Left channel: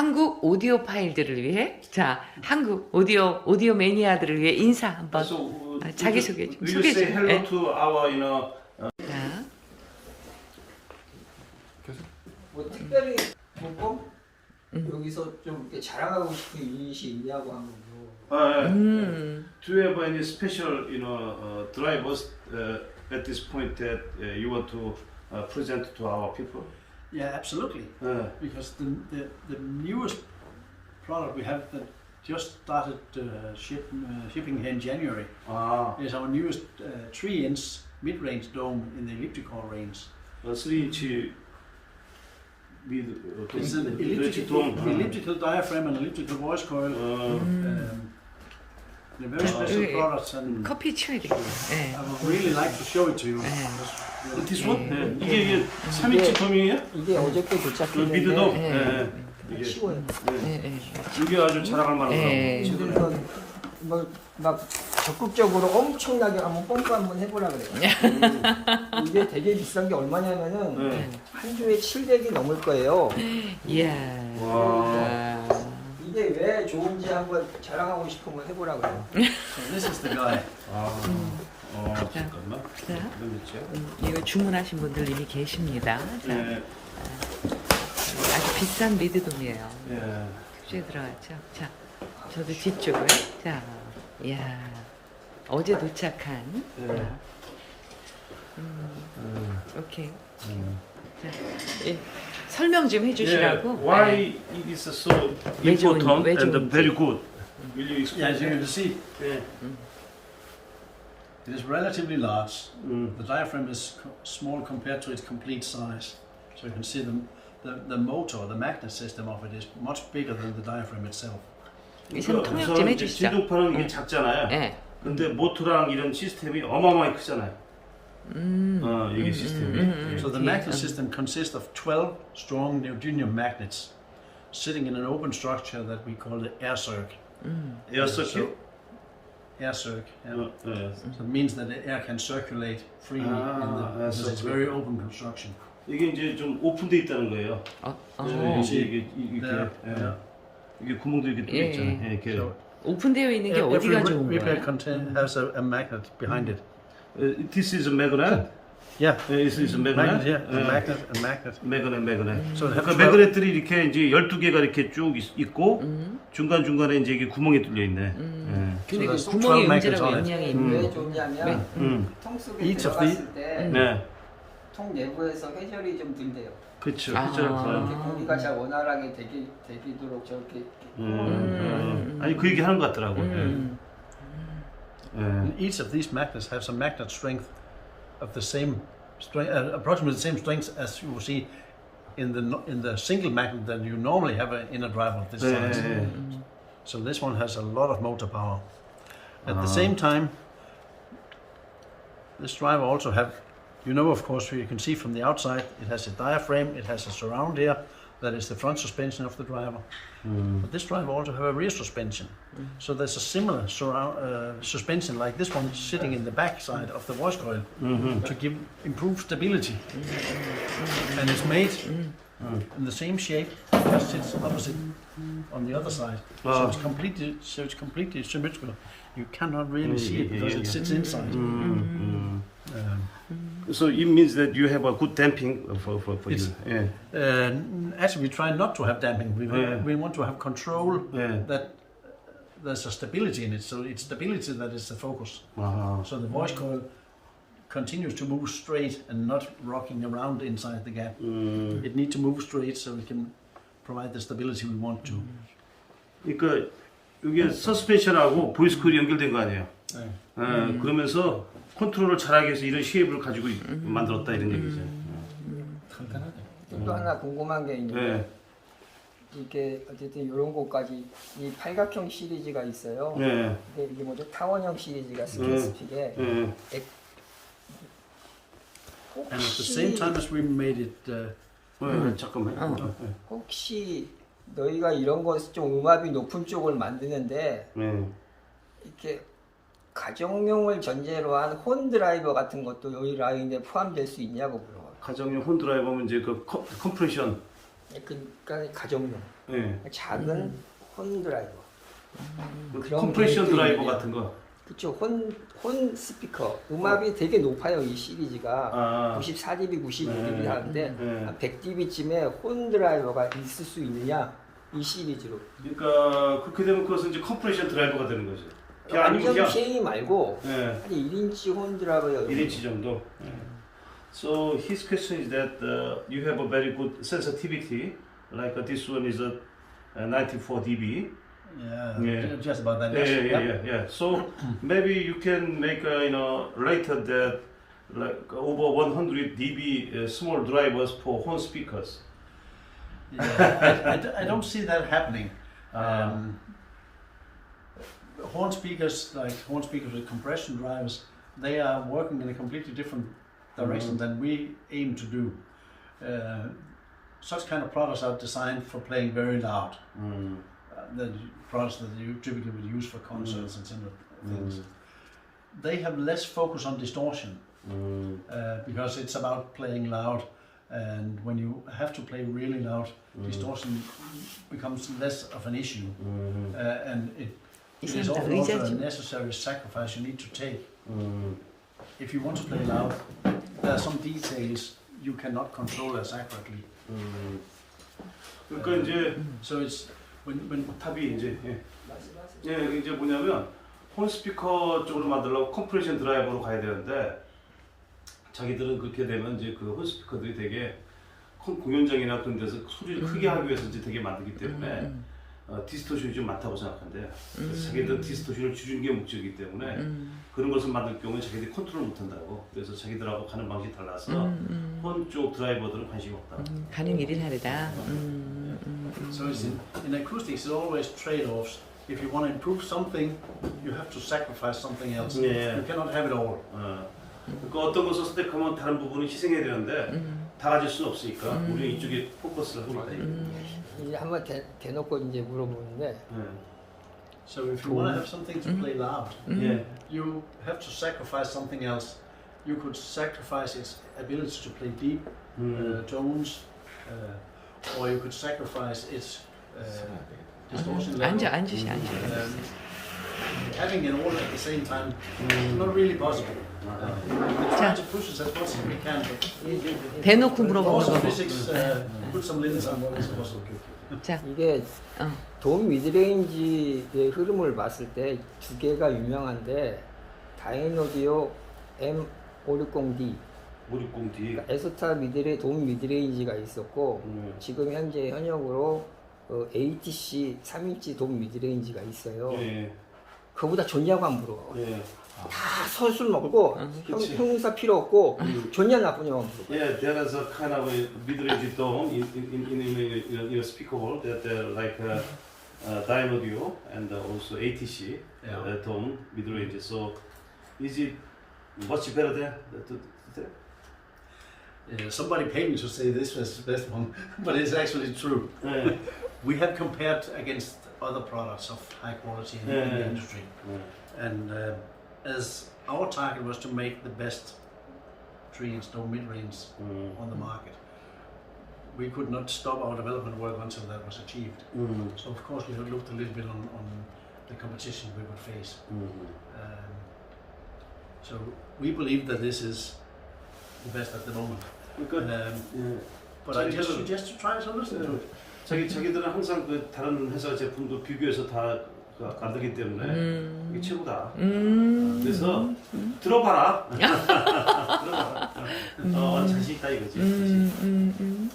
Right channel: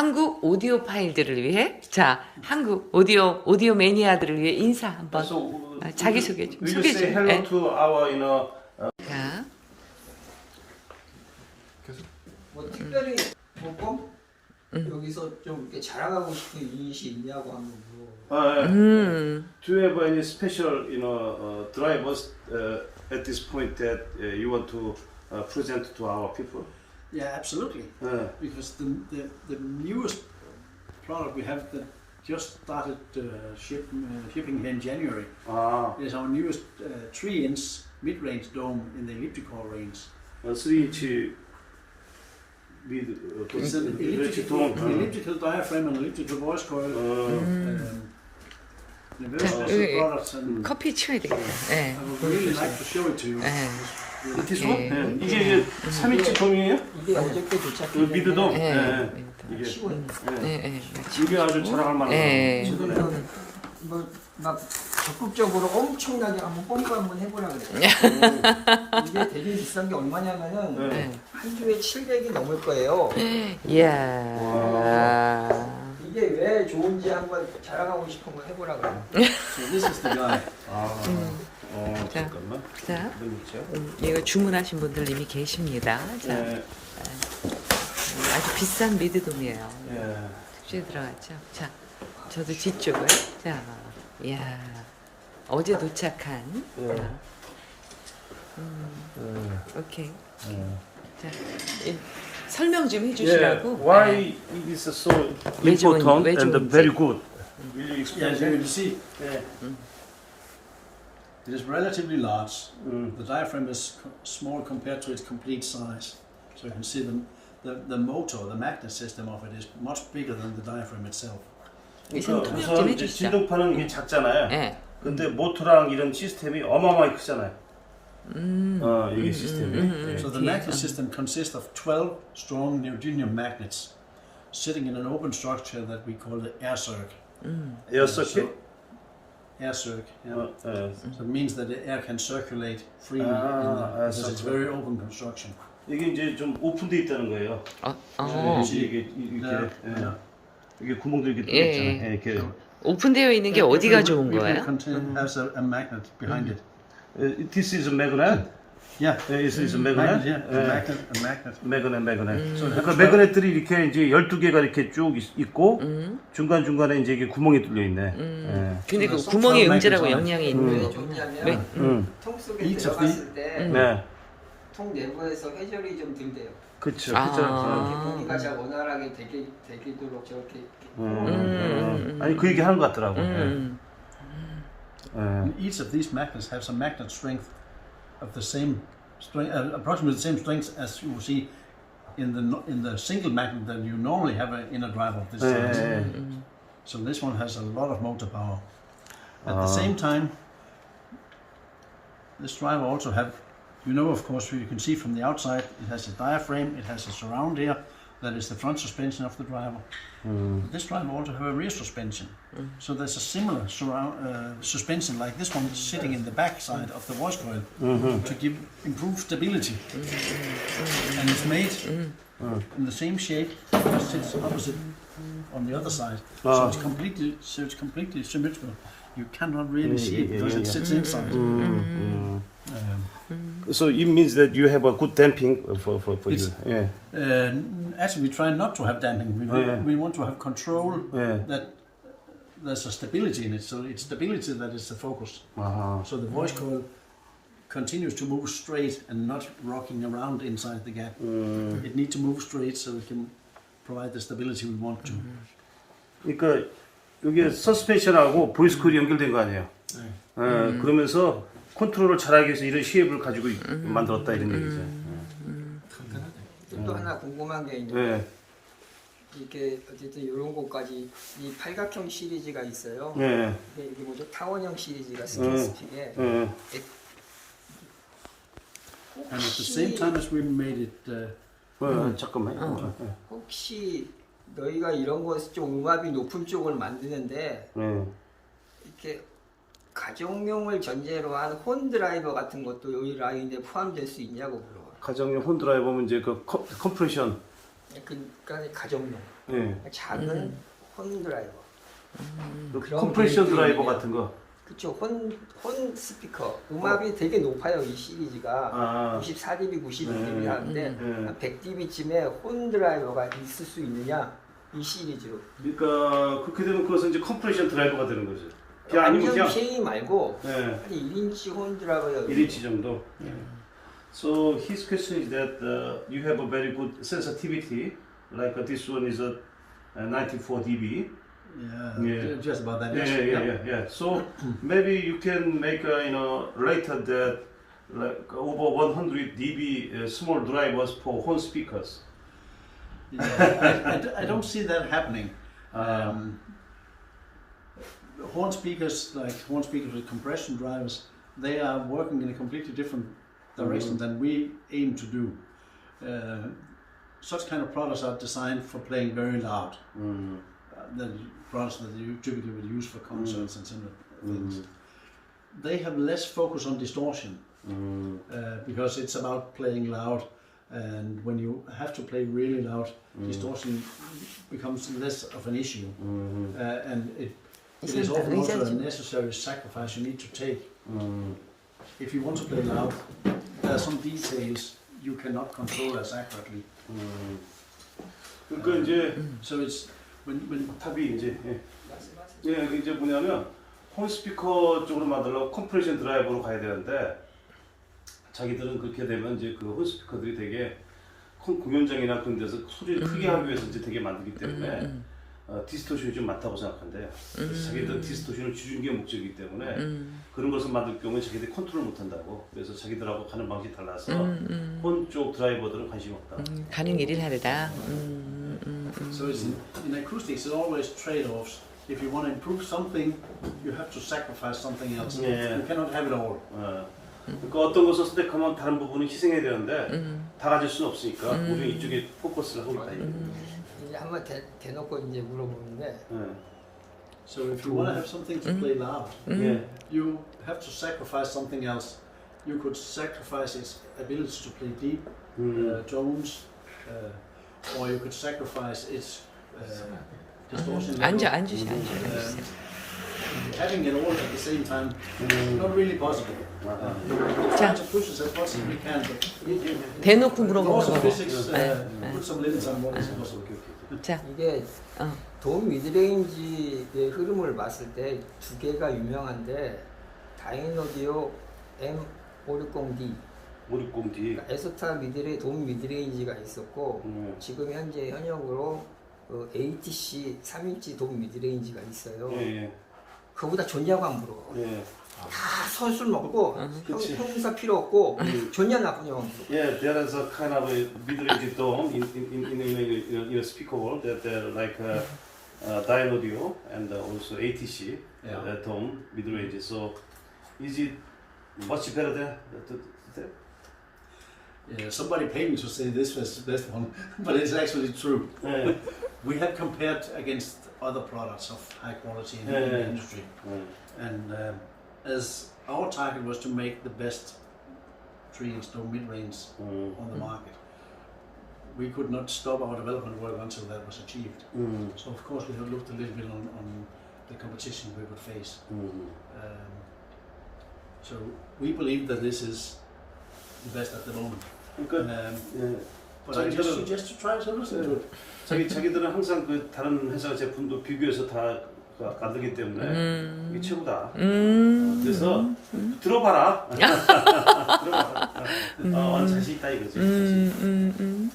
한국 오디오 파일들을 위해 자 한국 오디오 매니아들을 위해 인사 한번 자기소개 좀 소개 좀. Hello to our, 자. 뭐 특별히 뭐 여기서 좀 이렇게 자랑하고 싶은 유닛이 있냐고 하면 Do you have any special, drivers at this point that you want to present to our people? Yeah, absolutely. Because the newest product we have that just started shipping here in January is our newest 3-inch mid-range dome in the elliptical range. 3인치 It's an elliptical diaphragm and elliptical voice coil. They're very special products, and 커피 치워야 되겠다. 네. I would really like to show it to you. This one? 이게 3인치 돔이에요? 이게 어저께 도착했는데 미드돔? 이게 15년. 이게 아주 자랑할 만한 그래서 뭐막 적극적으로 엄청나게 한번 펌프 한번 해보라 그래요. 이게 되게 비싼 게 얼마냐면은 한 주에 700이 넘을 거예요. 이야. 이게 왜 좋은지 한번 자랑하고 싶은 거 해보라 그래요. So this is the guy. 잠깐만. 자, 이거 주문하신 분들 이미 계십니다. 자, 아주 비싼 미드돔이에요. 특주에 들어갔죠. 자, 저도 뒤쪽을. 자, 이야, 어제 도착한. 자, 오케이. 자, 설명 좀 해주시라고. Why it is so 왜 좋은지, important 왜 and 좋은지. very good? Will you explain? Yeah, as you can see, it is relatively large. The diaphragm is small compared to its complete size. So you can see the motor, the magnet system of it is much bigger than the diaphragm itself. 이선 통역 좀 해주시죠. 진동파는 이게 작잖아요. 근데 모터랑 이런 시스템이 어마어마하게 크잖아요. 이게 시스템이. So the magnet system consists of 12 strong neodymium magnets sitting in an open structure that we call the air circuit. 에어 서킷? Air circuit. Yeah. So it means that the air can circulate freely because it's very open construction. 이게 이제 좀 오픈돼 있다는 거예요. 이게 구멍도 이렇게 뚫려 있잖아요. 이렇게. 오픈되어 있는 게 어디가 좋은 거예요? Has a magnet behind it. This is a magnet. Yeah, this is a magnet. Yeah, a magnet. magnet. 그러니까 매그넷들이 이렇게 이제 12개가 이렇게 쭉 있고 중간 중간에 이제 이게 구멍이 뚫려 있네. 근데 그 구멍에 음질하고 영향이 있는 왜 거구나. 좋냐면 통 속에 Each of 들어갔을 때 네. 통 내부에서 회전이 좀 든대요. 그렇죠. 이렇게 고기가 잘 원활하게 되도록 저렇게. 아니 그 얘기 하는 것 같더라고. Each of these magnets has a magnet strength of the same strength, approximately the same strength as you see in the single magnet that you normally have in a drive of this size. So this one has a lot of motor power. At the same time, this driver also have, of course, you can see from the outside, it has a diaphragm, it has a surround here, that is the front suspension of the driver. But this driver also have a rear suspension. So there's a similar suspension like this one sitting in the back side of the voice coil to give improved stability. And it's made in the same shape, just sits opposite on the other side. So it's completely symmetrical. You cannot really see it because it sits inside. So it means that you have a good damping for you. Actually, we try not to have damping. We want to have control that there's a stability in it. So it's stability that is the focus. So the voice coil continues to move straight and not rocking around inside the gap. It needs to move straight so we can provide the stability we want to. 그러니까 여기 서스펜션하고 보이스 코일이 연결된 거 아니에요. 그러면서 컨트롤을 잘하기 위해서 이런 쉐입을 가지고 만들었다 이런 얘기죠. 또 하나 궁금한 게 있는데 이렇게 어쨌든 이런 곳까지 이 팔각형 시리즈가 있어요. 이게 뭐죠? 타원형 시리즈가 스킨스픽에. And at the same time as we made it, 잠깐만. 혹시 너희가 이런 거 좀 음압이 높은 쪽을 만드는데 이렇게 가정용을 전제로 한 혼 드라이버 같은 것도 여기 라인에 포함될 수 있냐고 물어요. 가정용 혼 드라이버면 이제 그 컴프레션. 그러니까 가정용. 예. 작은 혼 드라이버. 그 그런 컴프레션 기능도 드라이버 있네요. 같은 거. 그쵸. 혼 스피커. 음압이 되게 높아요. 이 시리즈가. 94dB, 92dB 하는데 한 100dB쯤에 혼 드라이버가 있을 수 있느냐? 이 시리즈로. 그러니까 그렇게 되면 그것은 이제 컴프레션 드라이버가 되는 거죠. 그냥 아니면 완전 그냥 쉐이 말고 예. 한 1인치 혼 드라이버요. 1인치 정도. So his question is that you have a very good sensitivity, like this one is a 94 dB. Yeah, just about that. Yeah. So maybe you can make later that like over 100 dB small drivers for horn speakers. Yeah, I don't see that happening. Horn speakers, like horn speakers with compression drivers, they are working in a completely different direction than we aim to do. Such kind of products are designed for playing very loud. The products that you typically would use for concerts and similar things. They have less focus on distortion because it's about playing loud, and when you have to play really loud, distortion becomes less of an issue, and it is often also a necessary sacrifice you need to take. If you want to play loud, there are some details you cannot control as accurately. 그러니까 이제 So it's when 탑이 이제 이게 이제 뭐냐면 홈 스피커 쪽으로 만들려고 컴프레션 드라이버로 가야 되는데 자기들은 그렇게 되면 이제 그 홈 스피커들이 되게 공연장이나 그런 데서 소리를 크게 하기 위해서 이제 되게 만들기 때문에 디스토션이 좀 많다고 생각한대요. 자기들 디스토션을 줄이는 게 목적이기 때문에 그런 것을 만들 경우에 자기들이 컨트롤 못한다고. 그래서 자기들하고 가는 방식이 달라서 혼 쪽 드라이버들은 관심이 없다. 가는 길이 다르다. So it's in acoustics, it's always trade-offs. If you want to improve something, you have to sacrifice something else. Yeah. You cannot have it all. 그러니까 어떤 것을 선택하면 다른 부분은 희생해야 되는데 다 가질 수는 없으니까 우리는 이쪽에 포커스를 하고 있다. 이제 한번 대놓고 이제 물어보는데 So if you want to have something to play loud, you have to sacrifice something else. You could sacrifice its ability to play deep tones, or you could sacrifice its distortion level. 앉으세요. Having it all at the same time, not really possible. We try to push it as much as we can, but 대놓고 also 물어보는 거 뭐. physics put some limits on what is possible. 자, 이게 돔 미드레인지의 흐름을 봤을 때 두 개가 유명한데 다이노디오 M560D 560D. 에스타 미드레 돔 미드레인지가 있었고 지금 현재 현역으로 ATC 3인치 돔 미드레인지가 있어요. 그거보다 좋냐고 안 물어. 다 선술 먹고 형사 필요 없고 좋냐 나쁘냐만 물어. Yeah, there is a kind of a mid-range dome in a speaker world that like Dynaudio and also ATC dome mid-range. So is it much better than that? Yeah, somebody paid me to say this was the best one, but it's actually true. We have compared against other products of high quality in the industry, and as our target was to make the best 3-inch dome mid-range on the market, we could not stop our development work until that was achieved. So of course we have looked a little bit on the competition we would face. So we believe that this is the best at the moment. But I just suggest to try to listen to it. 자기들은 항상 그 다른 회사 제품도 비교해서 다 만들기 때문에 이게 최고다. 그래서 들어봐라. 들어봐라. 자신 있다 이거지. And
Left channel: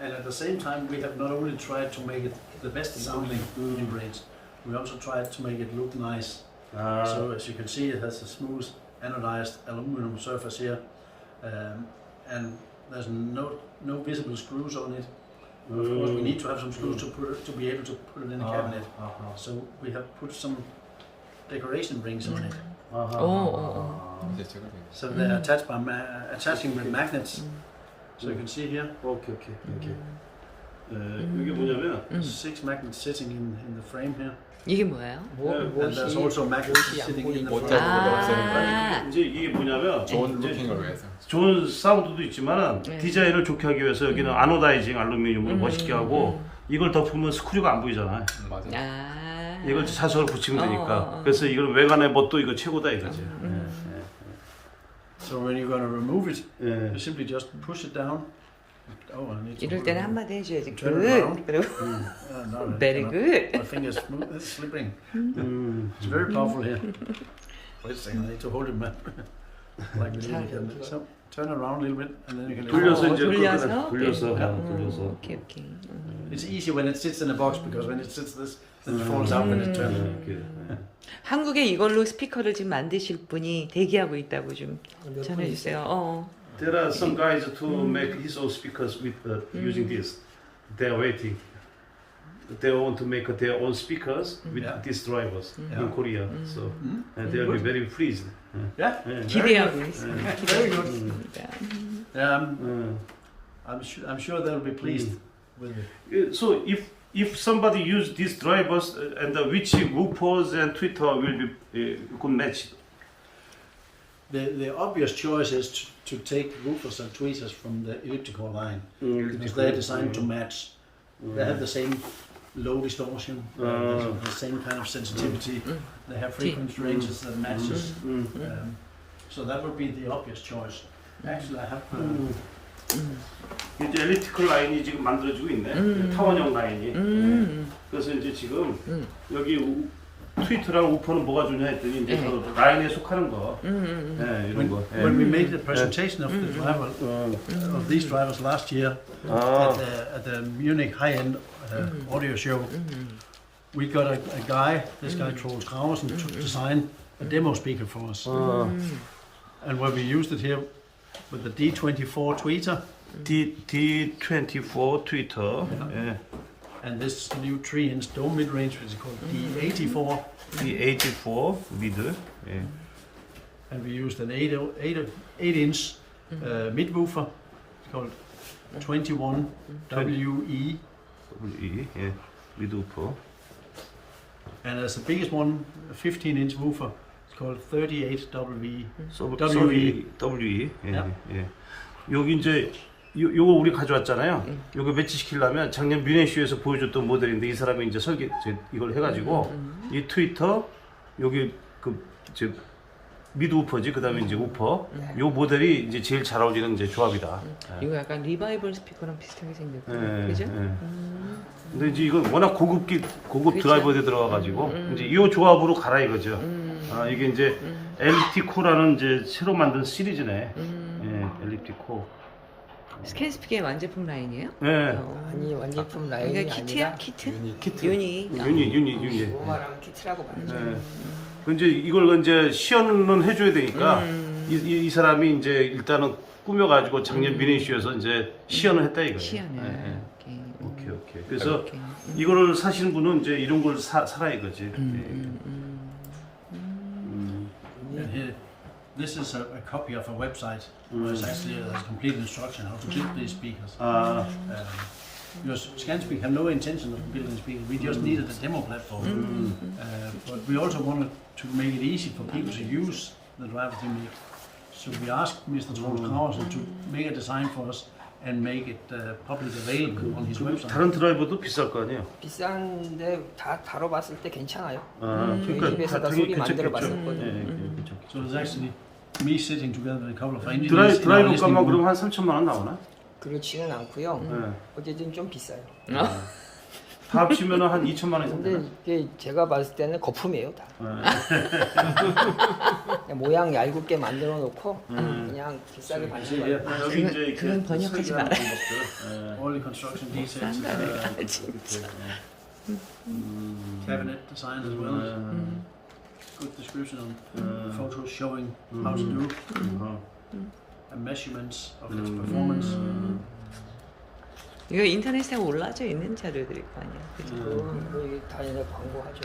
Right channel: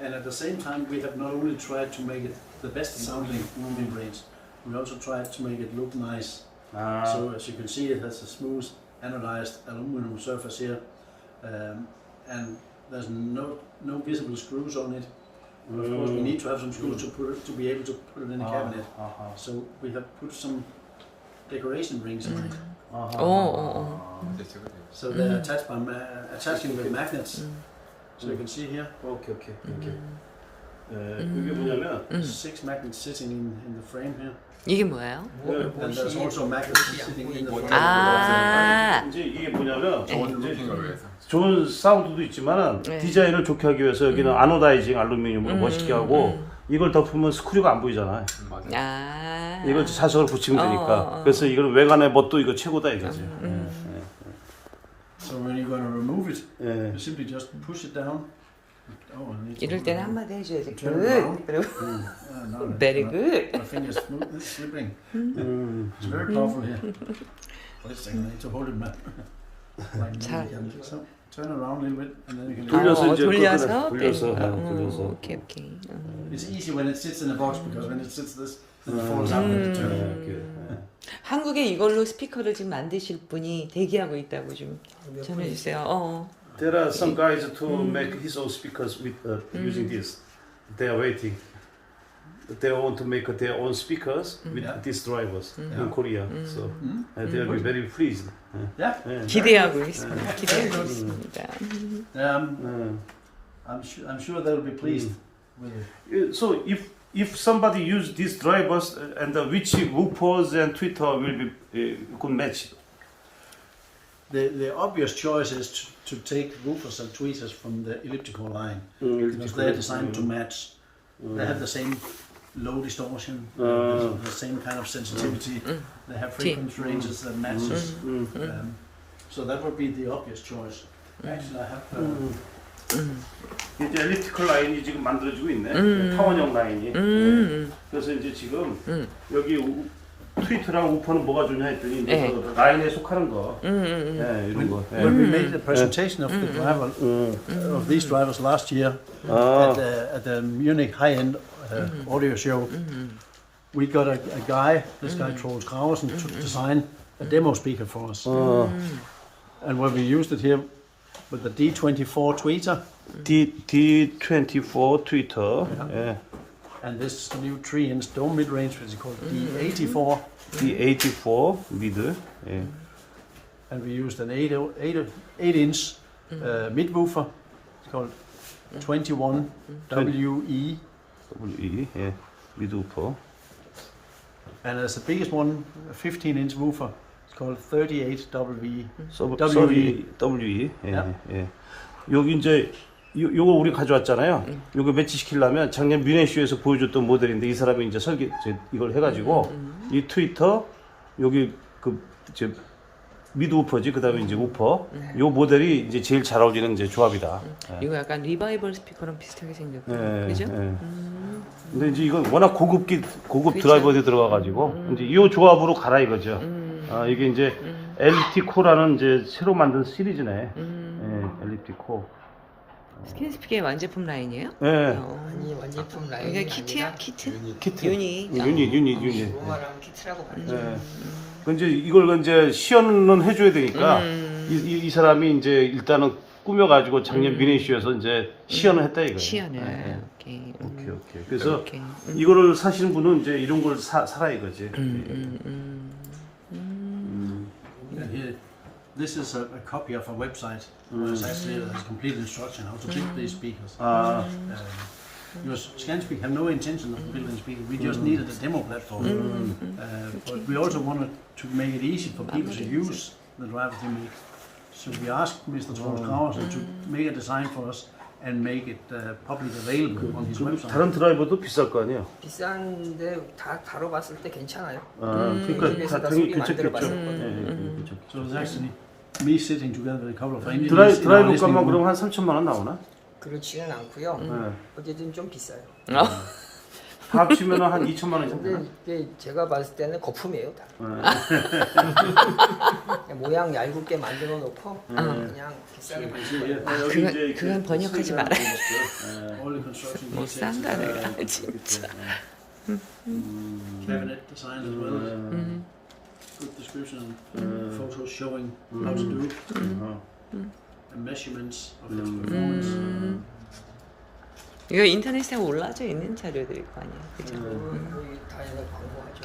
at the same time, we have not only tried to make it the best sounding mid-range, we also tried to make it look nice. So as you can see, it has a smooth anodized aluminum surface here, and there's no visible screws on it. Of course, we need to have some screws to be able to put it in the cabinet. So we have put some decoration rings on it. So they're attached by attaching with magnets. So you can see here. 오케이. 이게 뭐냐면 6 magnets sitting in the frame here. 이게 뭐예요? And there's also magnets sitting in the front. 이제 이게 뭐냐면 좋은 사운드도 있지만 디자인을 좋게 하기 위해서 여기는 아노다이징 알루미늄을 멋있게 하고 이걸 덮으면 스크류가 안 보이잖아. 아. 이걸 자석을 붙이면 되니까. 그래서 이걸 외관의 멋도 이거 최고다 이거지. So when you're going to remove it, you simply just push it down. Oh, I need to 이럴 때는 한마디 해줘야 돼. turn it around. 그리고 No, very good. My fingers it's slipping. It's very powerful here. Wait a second, I need to hold it like this. So turn it around a little bit, and then you can. 돌려서 이제 돌려서 돌려서, 빼는 거. 돌려서. 오케이 오케이. It's easy when it sits in a box because when it sits this, then it falls out when you turn it. 한국에 이걸로 스피커를 지금 만드실 분이 대기하고 있다고 좀 전해주세요. There are some guys to make his own speakers with using this. They're waiting. They want to make their own speakers with these drivers in Korea. So and they'll be very pleased. Yeah. 기대하고 있습니다. 기대하고 있습니다. I'm sure they'll be pleased with it. So if somebody use these drivers and which woofers and tweeter will be could match. The obvious choice is to take woofers and tweeters from the elliptical line because they're designed to match. They have the same low distortion, the same kind of sensitivity. They have frequency ranges that matches. So that would be the obvious choice. Actually, I have. 이제 엘리프티컬 라인이 지금 만들어지고 있네. 타원형 라인이. 그래서 이제 지금 여기 트위터랑 우퍼는 뭐가 좋냐 했더니 이제 그 라인에 속하는 거. 네, 이런 거. When we made the presentation of the driver of these drivers last year at the Munich high-end audio show, we got a guy, this guy Troels Graversen, to design a demo speaker for us. And when we used it here with the D24 tweeter, D24 tweeter, and this new 3-inch dome mid-range, which is called D84. D84 mid, and we used an 8-inch mid-woofer. It's called 21 WE. mid woofer. And as the biggest one, a 15-inch woofer. It's called 38 WE. WE. 여기 이제 요거 우리 가져왔잖아요. 요거 매치시키려면 작년 뮤네쇼에서 보여줬던 모델인데 이 사람이 이제 이걸 해가지고 이 트위터 여기 저 미드 우퍼지 그다음에 이제 우퍼 요 모델이 이제 제일 잘 어울리는 이제 조합이다. 이거 약간 리바이벌 스피커랑 비슷하게 생겼고요. 그죠? 근데 이제 이거 워낙 고급 그쵸? 드라이버에 들어가가지고 이제 이 조합으로 가라 이거죠. 이게 이제 엘리티 코라는 이제 새로 만든 시리즈네. 엘리티 코. 스캔 스피커의 완제품 라인이에요? 네. 아니 완제품 라인이 이게 키트야? 키트? 키트. 유니. 유니. 오마랑 키트라고 부르죠. 이제 이걸 이제 시연은 해줘야 되니까 이 사람이 이제 일단은 꾸며가지고 작년 미네이쇼에서 이제 시연을 했다 이거. 시연을. 오케이. 그래서 이거를 사신 분은 이제 이런 걸 사라 이거지. And here, this is a copy of a website where it's actually a complete instruction how to build these speakers. Because ScanSpeak had no intention of building speakers, we just needed a demo platform. But we also wanted to make it easy for people to use the driver to make. So we asked Mr. Troels Graversen to make a design for us and make it publicly available on his website. 다른 드라이버도 비쌀 거 아니에요? 비싼데 다 다뤄봤을 때 괜찮아요. 그러니까 되게 만들어봤었거든요. So it's actually me sitting together with a couple of engineers. 드라이버 값만 그럼 한 3천만 원 나오나? 그렇지는 않고요. 어쨌든 좀 비싸요. 다 합치면 한 2천만 원 정도. 근데 이게 제가 봤을 때는 거품이에요 다. 모양 얇게 만들어 놓고 그냥 비싸게 만들어. 그건 번역하지 말아요. All the construction 못 details. 산다 내가 진짜. Cabinet design as well as good description on photos showing how to do and measurements of its performance. 이거 인터넷에 올라져 있는 자료들일 거 아니야, 그죠? 우리 다이내 광고하죠.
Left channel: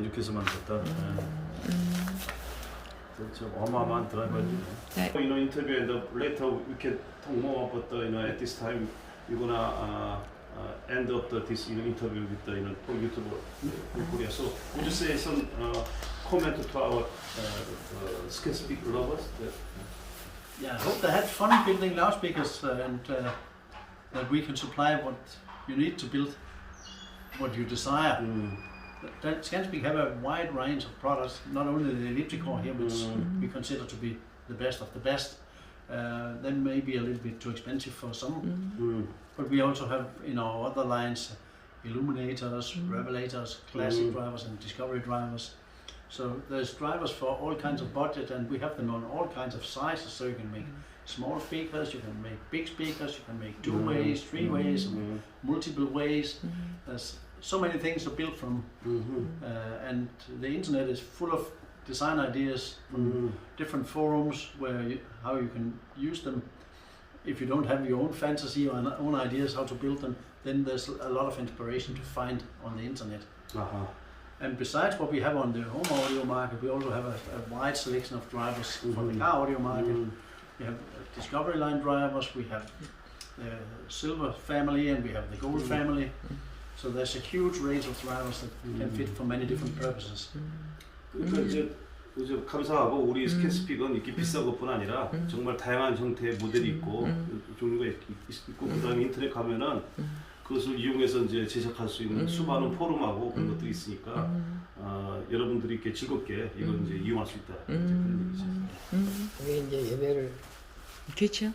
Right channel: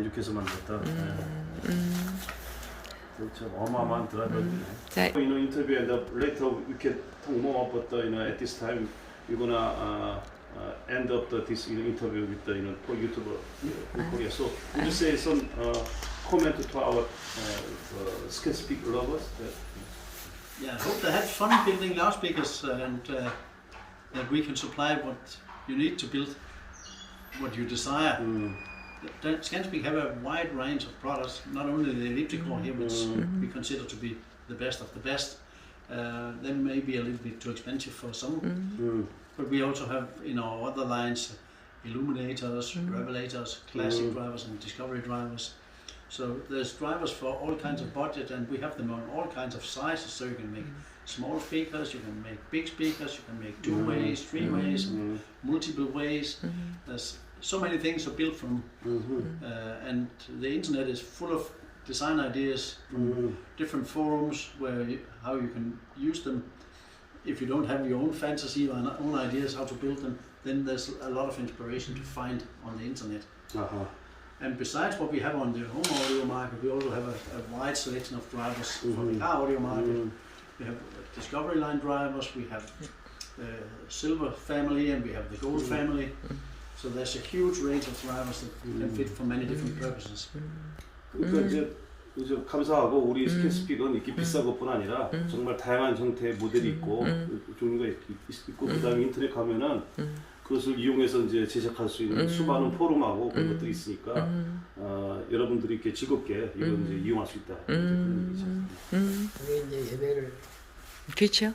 이렇게 해서 만들었다. 진짜 어마어마한 드라이버들이네. 자, You know, interview and later we can talk more about the, at this time we're gonna end up this interview with the YouTuber in Korea. So would you say some comment to our scan speak lovers? Yeah, I hope they had fun building loudspeakers and that we can supply what you need to build what you desire. Scanspeak have a wide range of products, not only the elliptical here, which we consider to be the best of the best. They may be a little bit too expensive for some, but we also have in our other lines illuminators, revelators, classic drivers and discovery drivers. So there's drivers for all kinds of budget, and we have them on all kinds of sizes, so you can make small speakers, you can make big speakers, you can make 2 ways, 3 ways, and multiple ways. There's so many things to build from, and the internet is full of design ideas from different forums how you can use them. If you don't have your own fantasy or own ideas how to build them, then there's a lot of inspiration to find on the internet. And besides what we have on the home audio market, we also have a wide selection of drivers for the car audio market. We have Discovery line drivers, we have the Silver family, and we have the Gold family. So there's a huge range of drivers that can fit for many different purposes. 그러니까 이제 감사하고 우리 스캔스픽은 이렇게 비싼 것뿐 아니라 정말 다양한 형태의 모델이 있고 종류가 있고 그다음에 인터넷 가면은 그것을 이용해서 이제 제작할 수 있는 수많은 포럼하고 그런 것들이 있으니까 여러분들이 이렇게 즐겁게 이걸 이제 이용할 수 있다. 그런 얘기죠. 그게 이제 예배를 그렇죠.